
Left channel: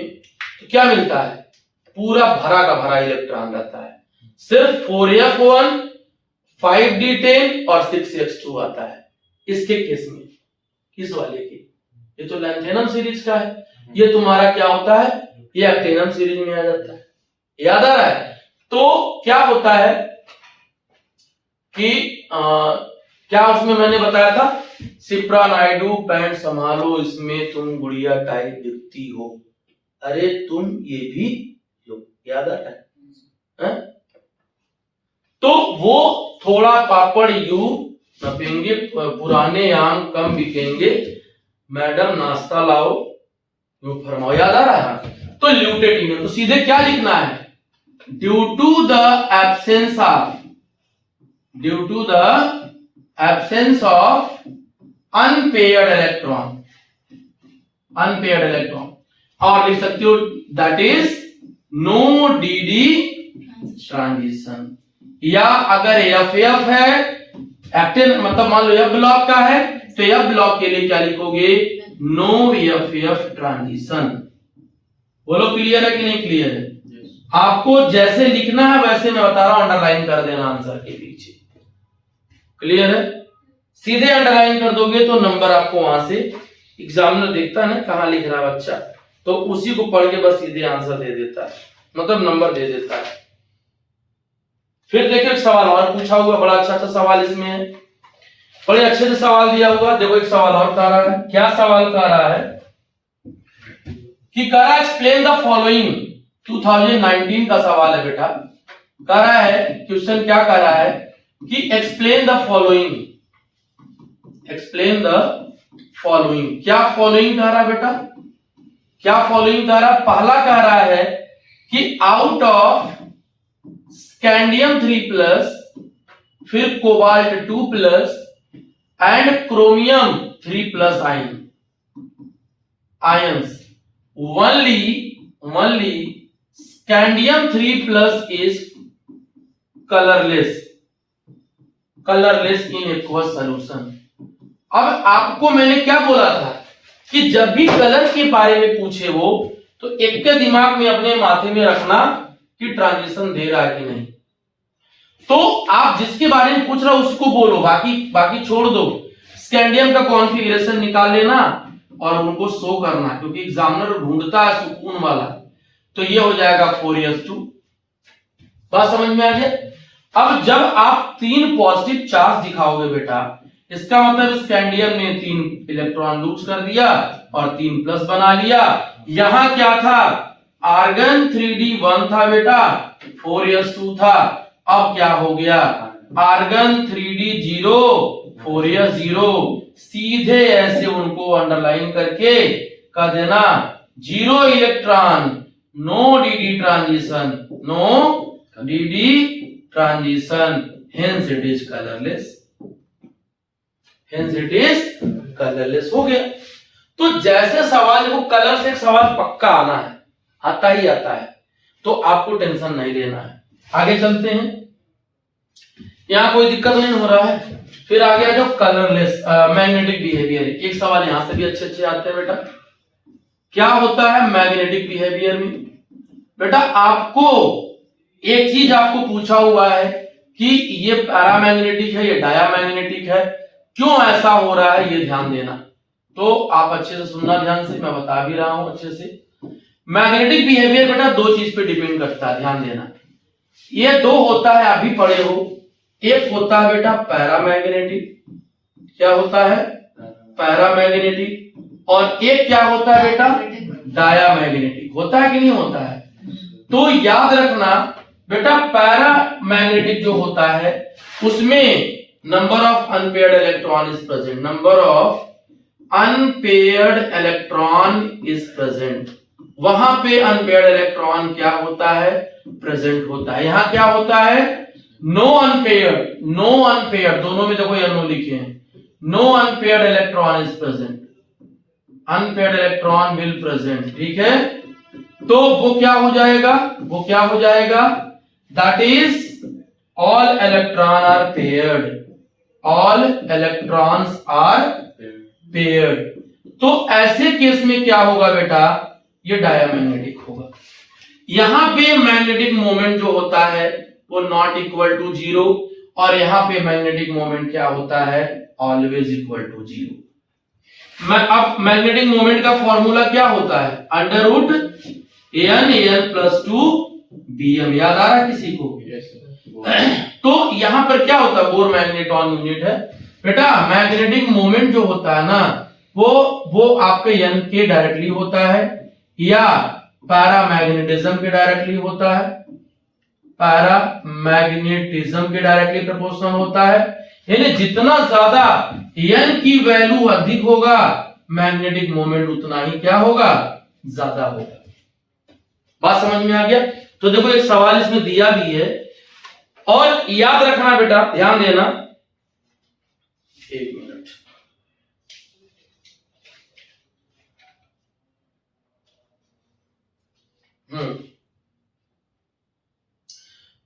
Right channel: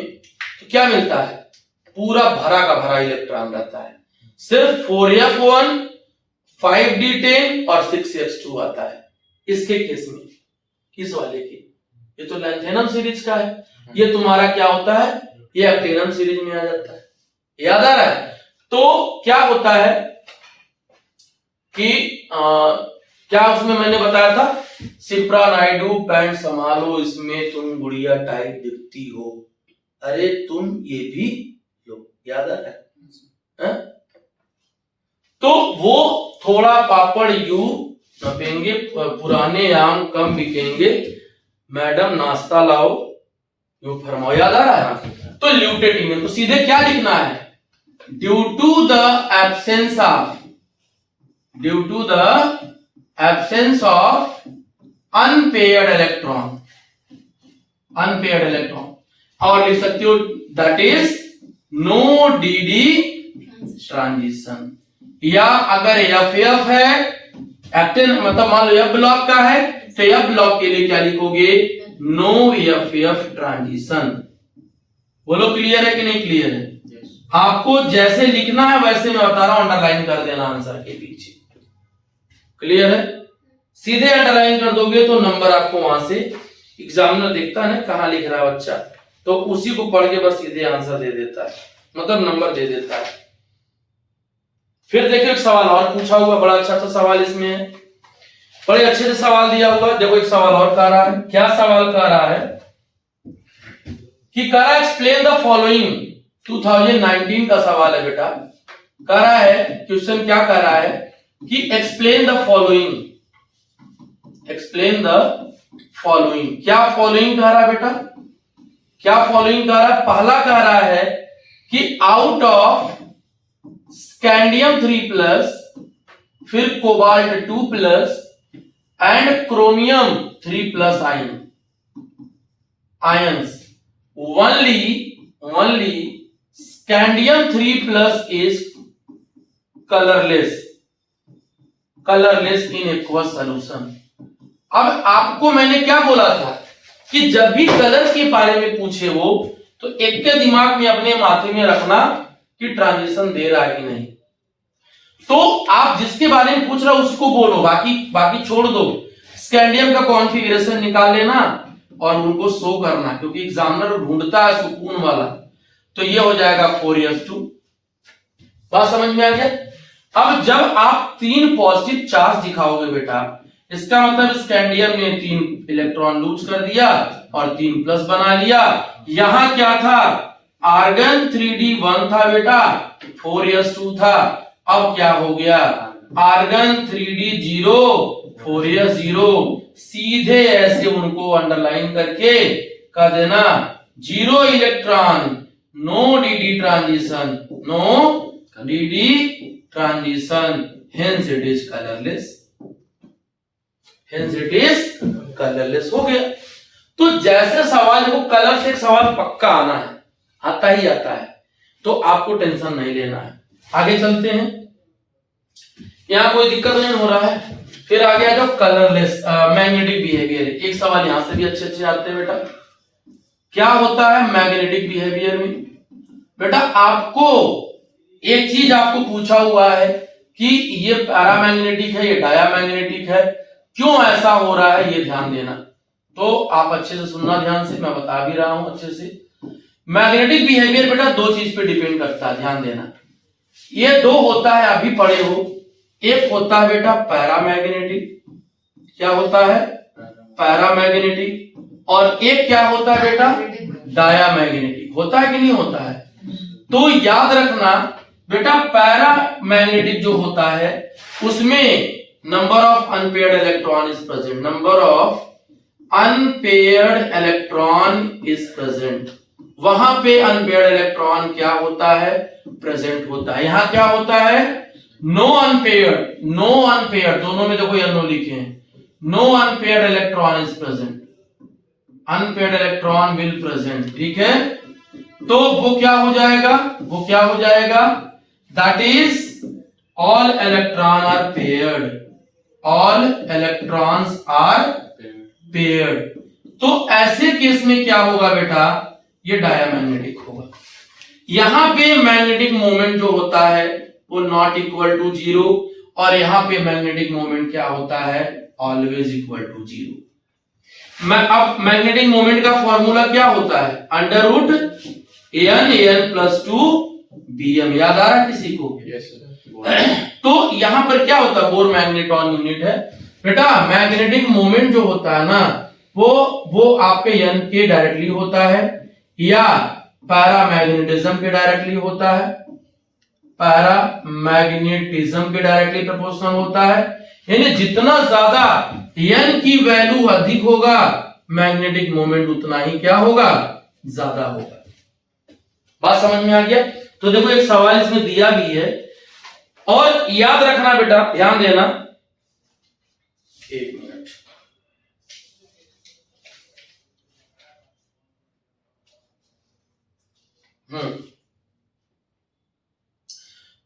तो क्या मिलता है? पूरा भरा का भरा इलेक्ट्रॉन रहता है। सिर्फ 4f1, 5d10 और 6s2 आता है इसके केस में। किस वाले की? ये तो लैंथेनम सीरीज का है, ये तुम्हारा क्या होता है? ये एक्टेनम सीरीज में आ जाता है। याद आ रहा है? तो क्या होता है कि क्या उसमें मैंने बताया था, सिप्रा नायडू पैंट संभालो, इसमें तुम गुड़िया टाइप दिखती हो, अरे तुम ये भी लो। याद आ रहा है? तो वो थोड़ा पापड़ यूं नपेंगे, पुराने आम कम बिकेंगे, मैडम नाश्ता लाओ, यूं फरमाओ। याद आ रहा है? तो ल्यूटेटिनियम, तो सीधे क्या लिखना है? Due to the absence of, due to the absence of unpaired electron, unpaired electron, और लिख सकते हो that is no d transition. या अगर एफ है एक्टिन, मतलब मान लो एफ ब्लॉक का है, तो एफ ब्लॉक के लिए क्या लिखोगे? No F transition. बोलो क्लियर है कि नहीं क्लियर है? आपको जैसे लिखना है वैसे मैं बता रहा हूं, अंडरलाइन कर देना आंसर के पीछे। क्लियर है? सीधे अंडरलाइन कर दोगे तो नंबर आपको वहां से एग्जामिनर देखता है ना कहां लिख रहा है बच्चा, तो उसी को पढ़ के बस सीधे आंसर दे देता है, मतलब नंबर दे देता है। फिर देखो एक सवाल और पूछा हुआ, बड़ा अच्छा सा सवाल इसमें है, बड़े अच्छे से सवाल दिया हुआ। देखो एक सवाल और कह रहा है, क्या सवाल कह रहा है कि कह रहा है एक्सप्लेन द फॉलोइंग, 2019 का सवाल है बेटा। कह रहा है क्वेश्चन, क्या कह रहा है कि explain the following, explain the following. क्या फॉलोइंग कह रहा है बेटा? क्या फॉलोइंग कह रहा है? पहला कह रहा है कि आउट ऑफ स्कैंडियम 3+, फिर cobalt 2+ and chromium 3+ ions, only scandium 3+ is colorless in aqueous solution। अब आपको मैंने क्या बोला था कि जब भी कलर के बारे में पूछे वो, तो एक के दिमाग में अपने माथे में रखना कि ट्रांजिशन दे रहा है कि नहीं। तो आप जिसके बारे में पूछ रहा उसको बोलो, बाकी छोड़ दो। स्कैंडियम का कॉन्फ़िगरेशन निकाल लेना और उनको शो करना, क्योंकि एग्जामिनर ढूंढता है सुकून वाला। तो ये हो जाएगा 4s2। बात समझ में आ गया? अब जब आप 3 पॉजिटिव चार्ज दिखाओगे बेटा, इसका मतलब स्कैंडियम ने 3 इलेक्ट्रॉन लूज कर दिया और 3+ बना लिया। यहां क्या था? आर्गन 3d1 था बेटा, 4s2 था। अब क्या हो गया? Argon 3d0, 4s0। सीधे ऐसे उनको अंडरलाइन करके कह देना 0 electron, no dd transition, no dd transition, hence it is colourless, hence it is colourless हो गया। तो जैसे सवाल को कलर से एक सवाल पक्का आना है, आता ही आता है, तो आपको टेंशन नहीं लेना है। आगे चलते हैं, यहां कोई दिक्कत नहीं हो रहा है। फिर आ गया जो कलरलेस मैग्नेटिक बिहेवियर। एक सवाल यहां से भी अच्छे अच्छे आते हैं बेटा। क्या होता है मैग्नेटिक बिहेवियर में? बेटा आपको एक चीज आपको पूछा हुआ है कि ये पैरामैग्नेटिक है, ये डायामैग्नेटिक है, क्यों ऐसा हो रहा है, ये ध्यान देना। तो आप अच्छे से सुनना ध्यान से, मैं बता भी रहा हूं अच्छे से। मैग्नेटिक बिहेवियर बेटा 2 चीज पे डिपेंड करता है, ध्यान देना। ये 2 होता है, आप भी पढ़े हो। एक होता है बेटा पैरामैग्नेटिक, क्या होता है? पैरामैग्नेटिक। और एक क्या होता है बेटा? डायामैग्नेटिक। होता है कि नहीं होता है? तो याद रखना बेटा, पैरामैग्नेटिक जो होता है उसमें number of unpaired electron is present, number of unpaired electron is present. वहां पे अनपेयर्ड इलेक्ट्रॉन क्या होता है? प्रेजेंट होता है। यहां क्या होता है? नो अनपेयर्ड दोनों में देखो नो लिखे हैं, no unpaired electron is present, unpaired electron will present, ठीक है। तो वो क्या हो जाएगा, that is all electron are paired, all electrons are paired. तो ऐसे केस में क्या होगा बेटा, ये डायमैग्नेटिक होगा। यहां पे मैग्नेटिक मोमेंट जो होता है वो नॉट इक्वल टू जीरो, और यहां पे मैग्नेटिक मोमेंट क्या होता है, ऑलवेज इक्वल टू जीरो। मैं अब मैग्नेटिक मोमेंट का फॉर्मूला क्या होता है, under root an plus 2 bm, याद आ रहा है किसी को? तो यहां पर क्या होता है, बोर मैग्नेटॉन यूनिट है बेटा। मैग्नेटिक मोमेंट जो होता है ना वो आपके n के डायरेक्टली होता है, या पैरामैग्नेटिज्म के डायरेक्टली होता है, पैरामैग्नेटिज्म के डायरेक्टली प्रोपोर्शनल होता है। यानी जितना ज्यादा n की वैल्यू अधिक होगा मैग्नेटिक मोमेंट उतना ही क्या होगा, ज्यादा होगा। बात समझ में आ गया? तो देखो एक सवाल इसमें दिया भी है, और याद रखना बेटा, ध्यान देना, एक मिनट,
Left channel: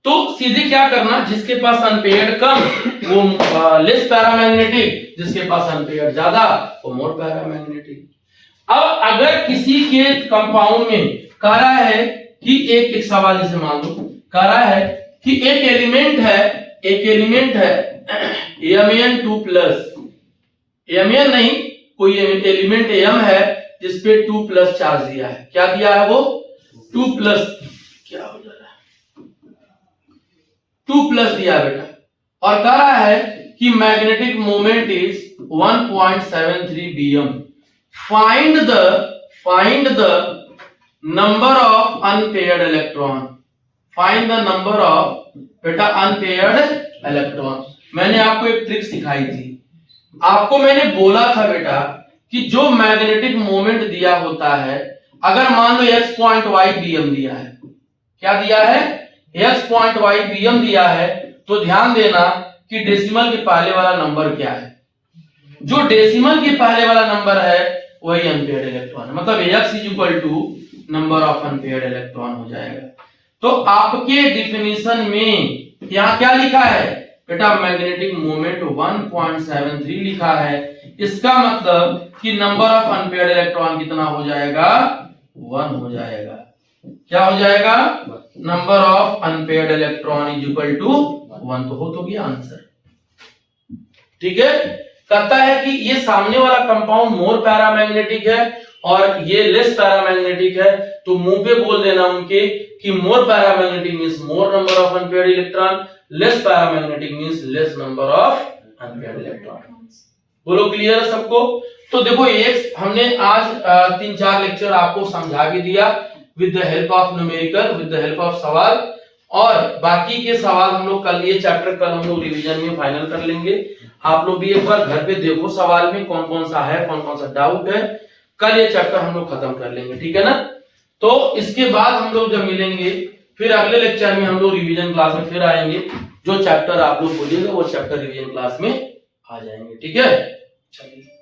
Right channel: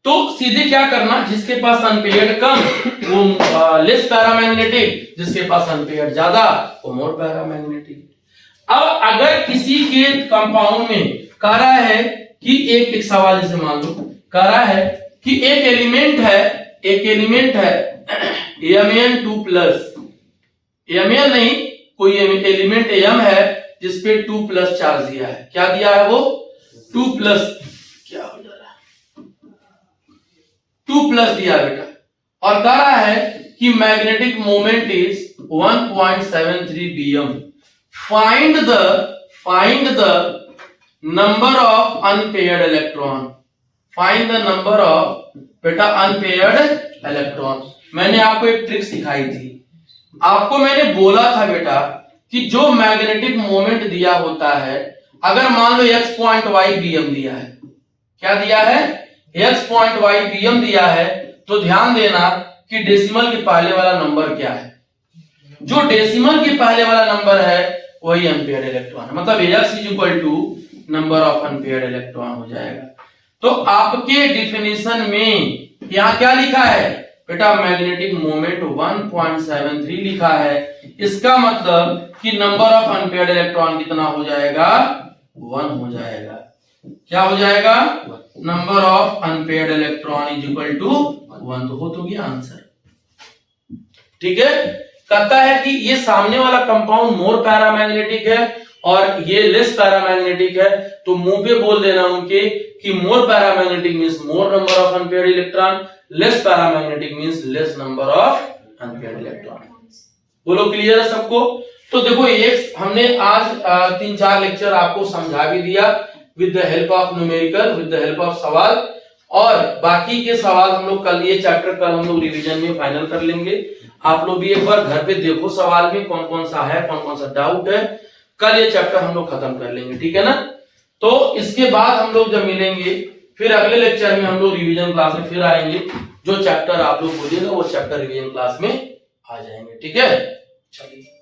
तो सीधे क्या करना, जिसके पास अनपेयर्ड कम वो लेस पैरामैग्नेटिक, जिसके पास अनपेयर्ड ज्यादा वो मोर पैरामैग्नेटिक। अब अगर किसी के कंपाउंड में कह रहा है कि एक सवाल जैसे मान लो कह रहा है कि एक एलिमेंट है Mn2 प्लस, Mn नहीं, कोई एलिमेंट M है जिसपे 2 प्लस चार्ज दिया है। क्या दिया है वो, 2 प्लस, क्या हो जा रहा है, 2 प्लस दिया बेटा, और कह रहा है कि magnetic moment is 1.73 bm। Find the number of unpaired electron, find the number of बेटा अनपेयर्ड इलेक्ट्रॉन। मैंने आपको एक ट्रिक सिखाई थी, आपको मैंने बोला था बेटा कि जो मैग्नेटिक मोमेंट दिया होता है, अगर मान लो x.y bm दिया है, क्या दिया है, x.y bm दिया है, तो ध्यान देना कि डेसिमल के पहले वाला नंबर क्या है, जो डेसिमल के पहले वाला नंबर है वही अनपेयर्ड इलेक्ट्रॉन है, मतलब x is equal to number of unpaired electron हो जाएगा। तो आपके डिफिनेशन में यहां क्या लिखा है बेटा, मैग्नेटिक मोमेंट 1.73 लिखा है, इसका मतलब कि नंबर ऑफ अनपेयर्ड इलेक्ट्रॉन कितना हो जाएगा, 1 हो जाएगा। क्या हो जाएगा, number of unpaired electron is equal to 1। तो हो तो गया आंसर, ठीक है। कहता है कि ये सामने वाला कंपाउंड मोर पैरामैग्नेटिक है और ये लेस पैरामैग्नेटिक है, तो मुंह पे बोल देना उनके कि more paramagnetic means more number of unpaired electron, less paramagnetic means less number of unpaired electron. बोलो क्लियर है सबको? तो देखो एक हमने आज 3-4 लेक्चर आपको समझा भी दिया with the help of numerical, with the help of सवाल, और बाकी के सवाल हम लोग कल, ये चैप्टर कल हम लोग रिवीजन में फाइनल कर लेंगे। आप लोग भी एक बार घर पे देखो सवाल में कौन कौन सा है, कौन कौन सा डाउट है, कल ये चैप्टर हम लोग खत्म कर लेंगे, ठीक है ना। तो इसके बाद हम लोग जब मिलेंगे फिर अगले लेक्चर में हम लोग रिवीजन क्लास में फिर आएंगे, जो चैप्टर आप लोग बोलिएगा वो चैप्टर रिवीजन क्लास में आ जाएंगे, ठीक है। चलिए।